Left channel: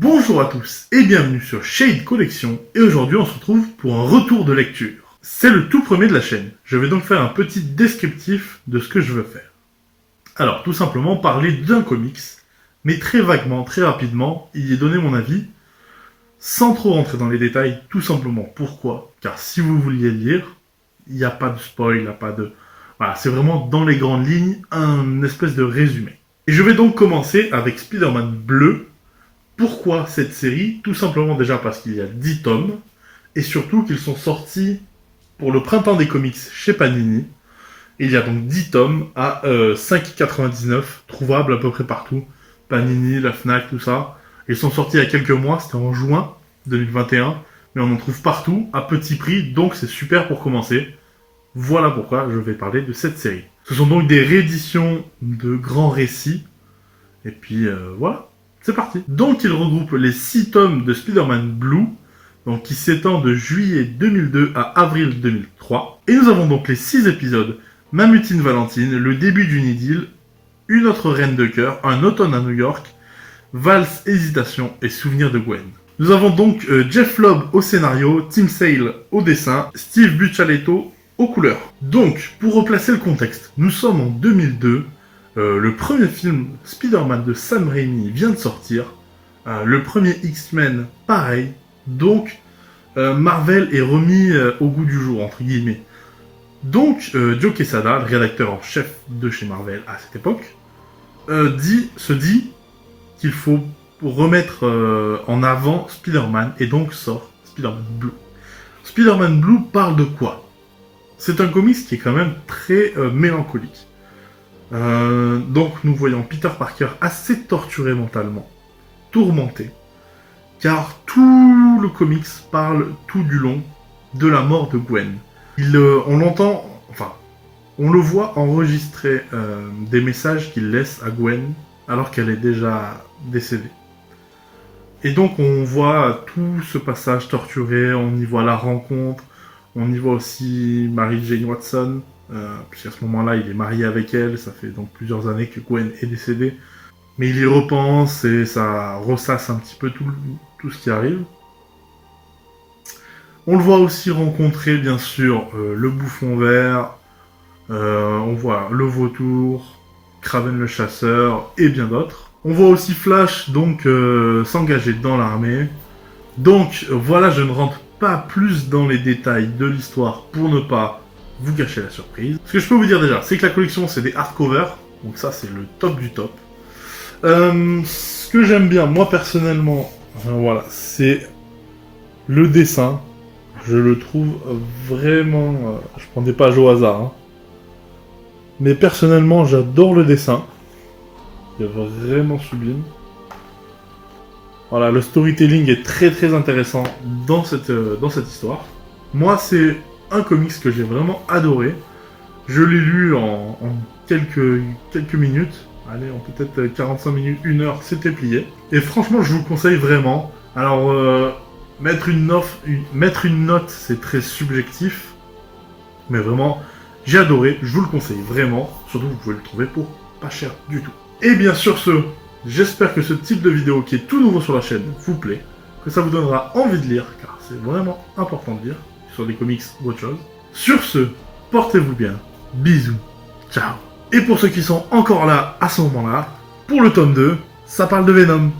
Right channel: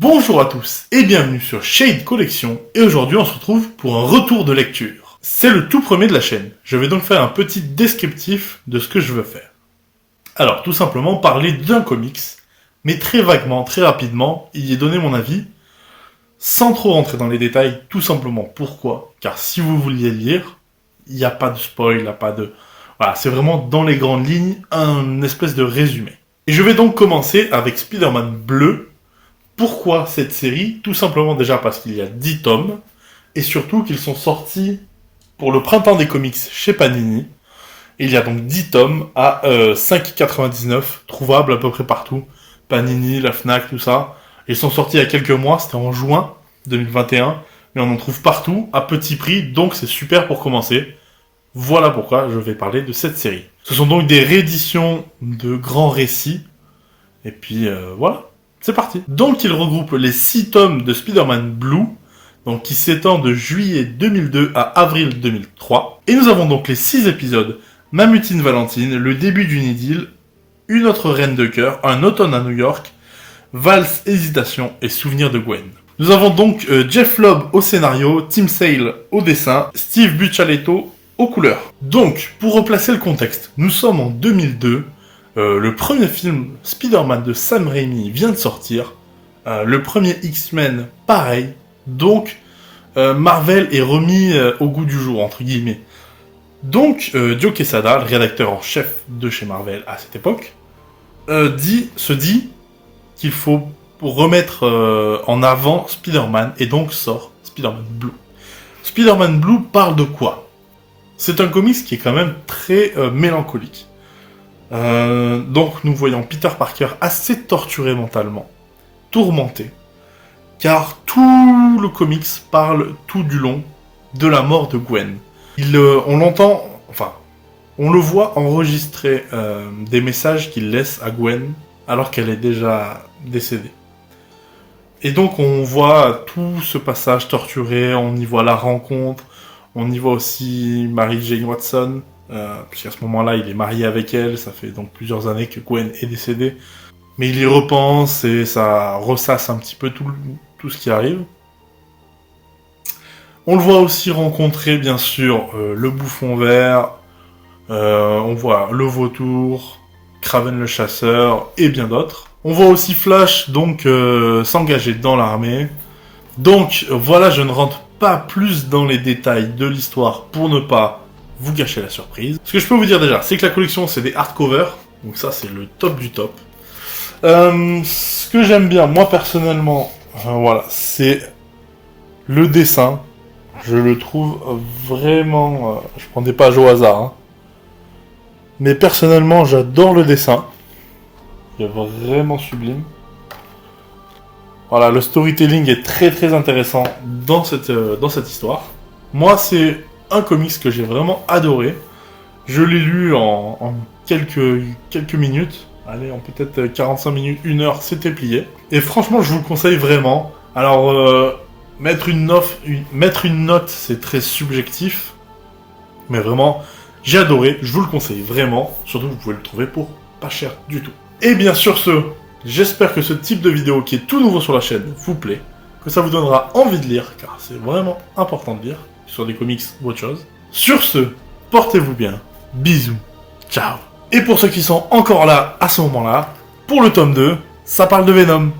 Bonjour à tous et bienvenue sur Shade Collection et aujourd'hui on se retrouve pour un retour de lecture. C'est le tout premier de la chaîne, je vais donc faire un petit descriptif de ce que je veux faire. Alors tout simplement parler d'un comics, mais très vaguement, très rapidement, y donner mon avis, sans trop rentrer dans les détails, tout simplement pourquoi, car si vous vouliez le lire, il n'y a pas de spoil, il n'y a pas de... Voilà, c'est vraiment dans les grandes lignes un espèce de résumé. Et je vais donc commencer avec Spider-Man Bleu. Pourquoi cette série? Tout simplement déjà parce qu'il y a 10 tomes, et surtout qu'ils sont sortis pour le printemps des comics chez Panini. Il y a donc 10 tomes à 5,99, trouvables à peu près partout. Panini, la Fnac, tout ça. Ils sont sortis il y a quelques mois, c'était en juin 2021, mais on en trouve partout, à petit prix, donc c'est super pour commencer. Voilà pourquoi je vais parler de cette série. Ce sont donc des rééditions de grands récits, et puis voilà. C'est parti. Donc il regroupe les 6 tomes de Spider-Man Blue, donc qui s'étend de juillet 2002 à avril 2003. Et nous avons donc les 6 épisodes. Mamutine Valentine, le début d'une idylle, une autre reine de cœur, un automne à New York, valse, hésitation et souvenir de Gwen. Nous avons donc Jeff Loeb au scénario, Tim Sale au dessin, Steve Buccellato aux couleurs. Donc, pour replacer le contexte, nous sommes en 2002, le premier film Spider-Man de Sam Raimi vient de sortir. Le premier X-Men, pareil. Donc, Marvel est remis au goût du jour, entre guillemets. Donc, Joe Quesada, le rédacteur en chef de chez Marvel à cette époque, se dit qu'il faut remettre en avant Spider-Man, et donc sort Spider-Man Blue. Spider-Man Blue parle de quoi? C'est un comics qui est quand même très mélancolique. Donc nous voyons Peter Parker assez torturé mentalement, tourmenté, car tout le comics parle tout du long de la mort de Gwen. On l'entend, enfin, on le voit enregistrer des messages qu'il laisse à Gwen alors qu'elle est déjà décédée. Et donc on voit tout ce passage torturé, on y voit la rencontre, on y voit aussi Mary Jane Watson, puisqu'à ce moment-là, il est marié avec elle, ça fait donc plusieurs années que Gwen est décédée. Mais il y repense et ça ressasse un petit peu tout ce qui arrive. On le voit aussi rencontrer, bien sûr, le bouffon vert, on voit le vautour, Kraven le chasseur et bien d'autres. On voit aussi Flash, donc, s'engager dans l'armée. Donc, voilà, je ne rentre pas plus dans les détails de l'histoire pour ne pas vous gâcher la surprise. Ce que je peux vous dire déjà, c'est que la collection, c'est des hardcovers. Donc ça, c'est le top du top. Ce que j'aime bien, moi, personnellement, voilà, c'est le dessin. Je le trouve vraiment... je prends des pages au hasard. Hein. Mais personnellement, j'adore le dessin. Il est vraiment sublime. Voilà, le storytelling est très très intéressant dans cette histoire. Moi, c'est un comics que j'ai vraiment adoré. Je l'ai lu en quelques minutes. Allez, en peut-être 45 minutes, 1 heure, c'était plié. Et franchement, je vous le conseille vraiment. Alors, mettre une note, c'est très subjectif. Mais vraiment, j'ai adoré. Je vous le conseille vraiment. Surtout, vous pouvez le trouver pour pas cher du tout. Et bien sur ce, j'espère que ce type de vidéo qui est tout nouveau sur la chaîne vous plaît. Que ça vous donnera envie de lire, car c'est vraiment important de lire. Sur des comics ou autre chose. Sur ce, portez-vous bien. Bisous. Ciao. Et pour ceux qui sont encore là à ce moment-là, pour le tome 2, ça parle de Venom.